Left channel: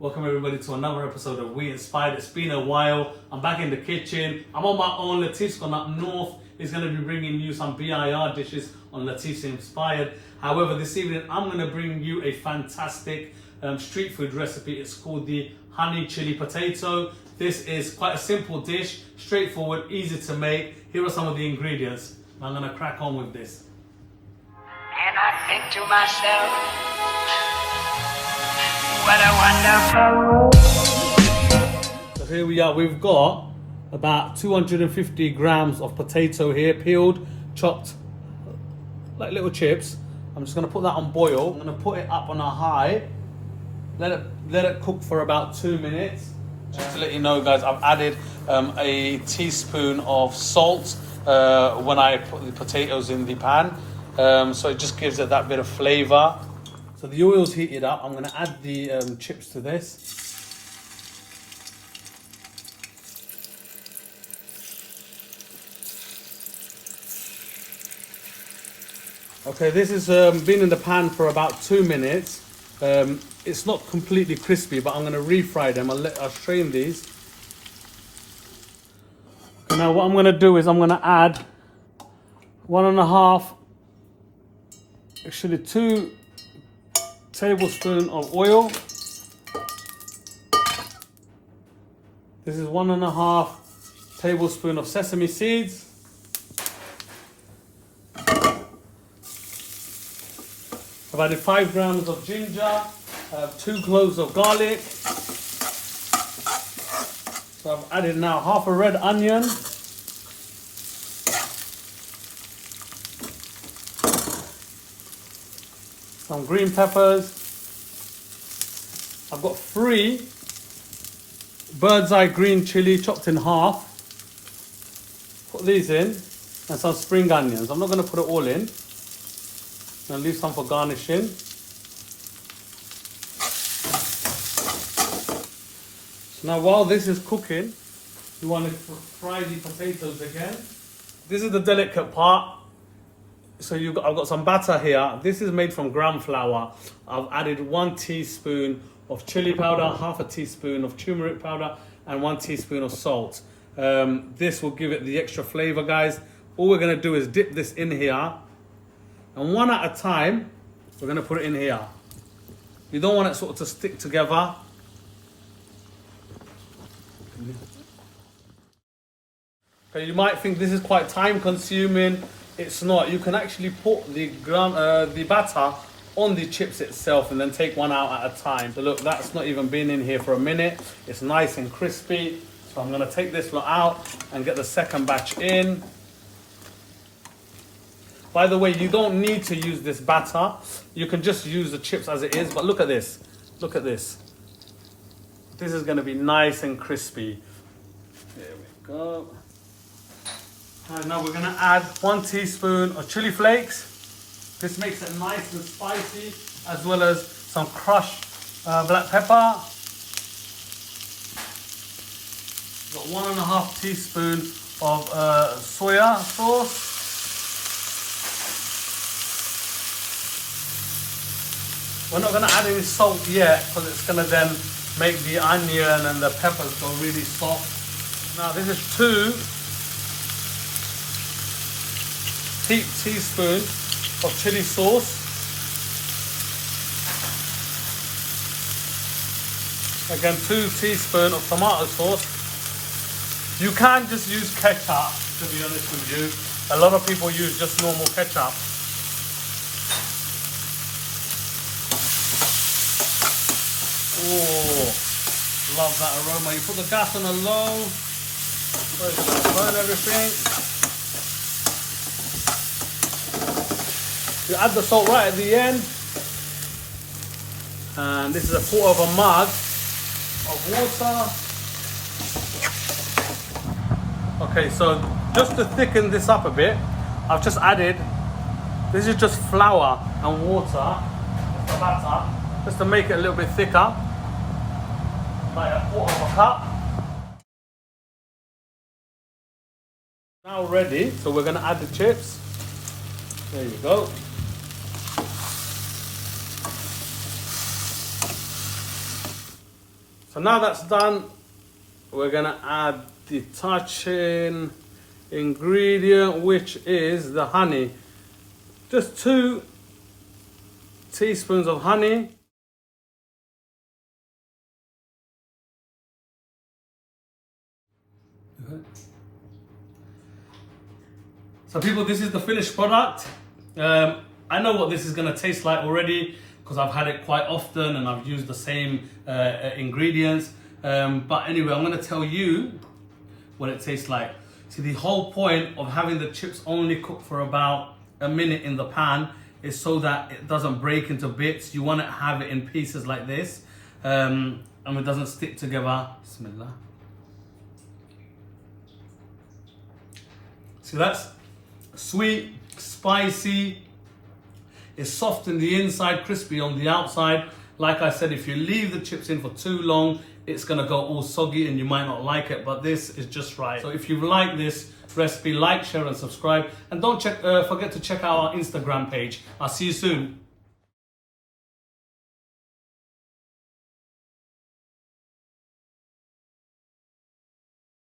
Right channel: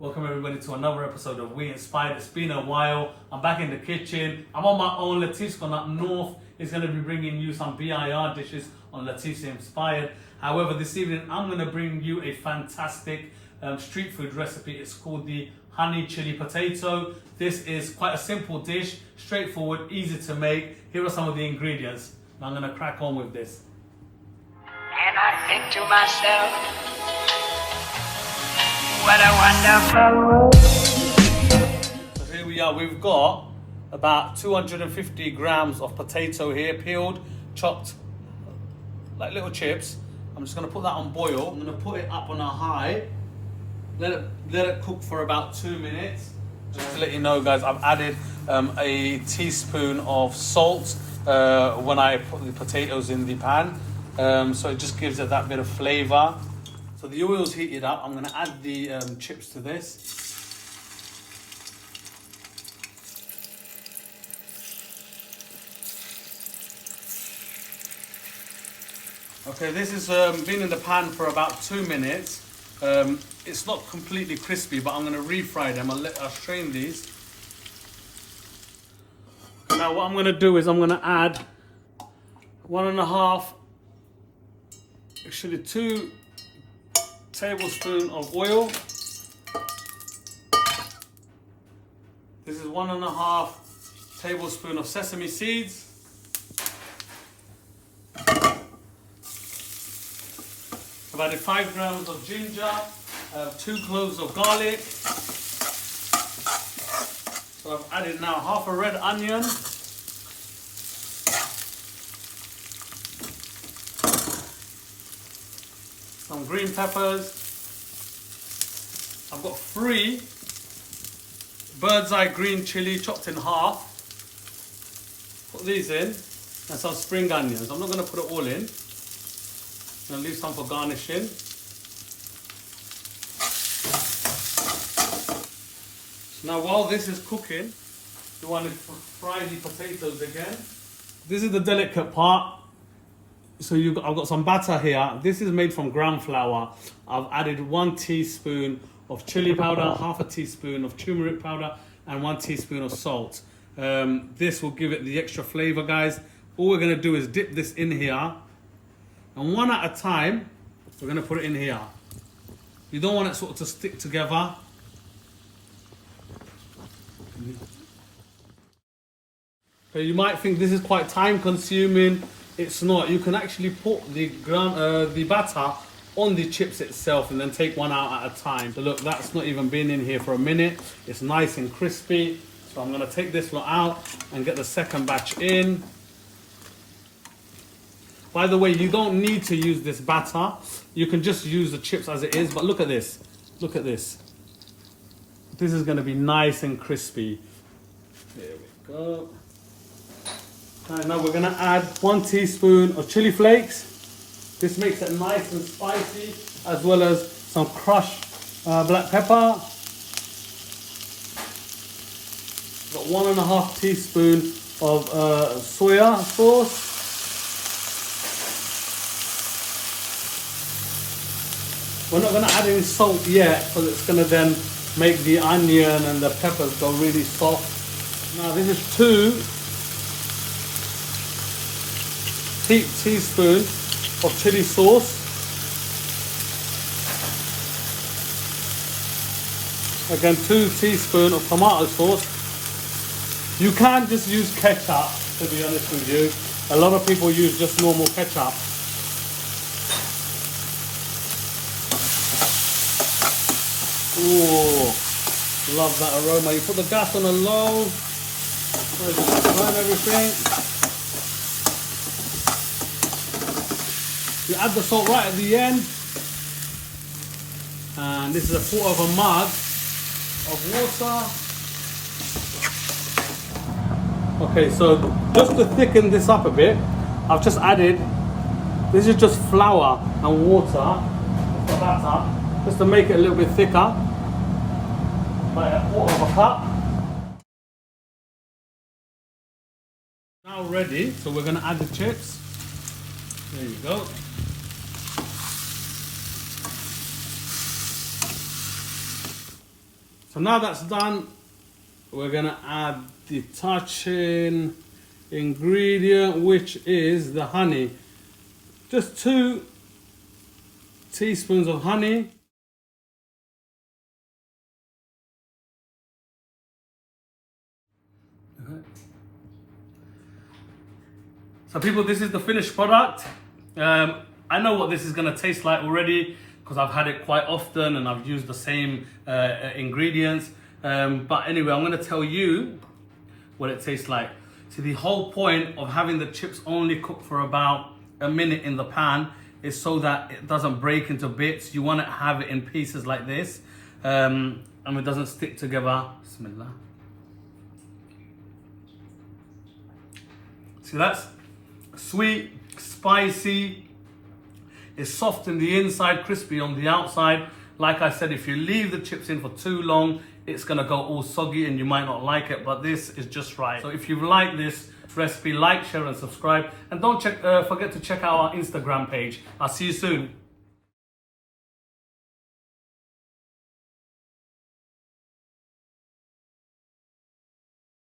Welcome everybody to another episode of We Inspired. It's been a while. I'm back in the kitchen. I'm on my own. Latif's gone up north. He's going to be bringing you some BIR dishes on Latif's Inspired. However, this evening I'm going to bring you a fantastic street food recipe. It's called the honey chili potato. This is quite a simple dish, straightforward, easy to make. Here are some of the ingredients. I'm going to crack on with this. And I think to myself, what a wonderful. So here we are. We've got about 250 grams of potato here, peeled, chopped like little chips. I'm just going to put that on boil. I'm going to put it up on a high. Let it cook for about 2 minutes. Just to let you know, guys, I've added a teaspoon of salt when I put the potatoes in the pan. So it just gives it that bit of flavor. So the oil's heated up. I'm going to add the chips to this. Okay, this has been in the pan for about 2 minutes. It's not completely crispy, but I'm going to refry them. I'll strain these. Now what I'm going to do is I'm going to add 2 tablespoons of oil. This is 1.5 tablespoons of sesame seeds. I've added 5 grams of ginger, 2 cloves of garlic. So I've added now half a red onion. Some green peppers. I've got 3 bird's eye green chili chopped in half. Put these in, and some spring onions. I'm not going to put it all in. I'm going to leave some for garnishing. So now while this is cooking, you want to fry the potatoes again. This is the delicate part. So I've got some batter here. This is made from gram flour. I've added 1 teaspoon of chili powder, half a teaspoon of turmeric powder, and 1 teaspoon of salt. This will give it the extra flavor, guys. All we're going to do is dip this in here. And one at a time, we're going to put it in here. You don't want it sort of to stick together. Okay, you might think this is quite time consuming. It's not. You can actually put the batter on the chips itself and then take one out at a time. So look, that's not even been in here for a minute. It's nice and crispy. So I'm going to take this one out and get the second batch in. By the way, you don't need to use this batter. You can just use the chips as it is. But look at this. Look at this. This is going to be nice and crispy. There we go. And now we're going to add 1 teaspoon of chili flakes. This makes it nice and spicy, as well as some crushed black pepper. Got 1.5 teaspoon of soya sauce. We're not going to add any salt yet, because it's going to then make the onion and the peppers go really soft. Now this is 2 teaspoons of chili sauce. Again, 2 teaspoons of tomato sauce. You can just use ketchup, to be honest with you. A lot of people use just normal ketchup. Ooh, love that aroma. You put the gas on a low, burn everything. You add the salt right at the end. And this is 1/4 mug of water. Okay, so just to thicken this up a bit, I've just added, this is just flour and water, the batter, just to make it a little bit thicker. Like 1/4 cup. Now ready, so we're going to add the chips. There you go. So now that's done, we're gonna add the touching ingredient, which is the honey. Just 2 teaspoons of honey. So people, this is the finished product. I know what this is gonna taste like already because I've had it quite often and I've used the same ingredients. But anyway, I'm gonna tell you what it tastes like. See, the whole point of having the chips only cook for about a minute in the pan is so that it doesn't break into bits. You wanna have it in pieces like this, and it doesn't stick together. Bismillah. See, that's sweet, spicy, it's soft in the inside, crispy on the outside. Like I said, if you leave the chips in for too long, it's gonna go all soggy and you might not like it, but this is just right. So if you like this recipe, like, share and subscribe. And don't forget to check out our Instagram page. I'll see you soon.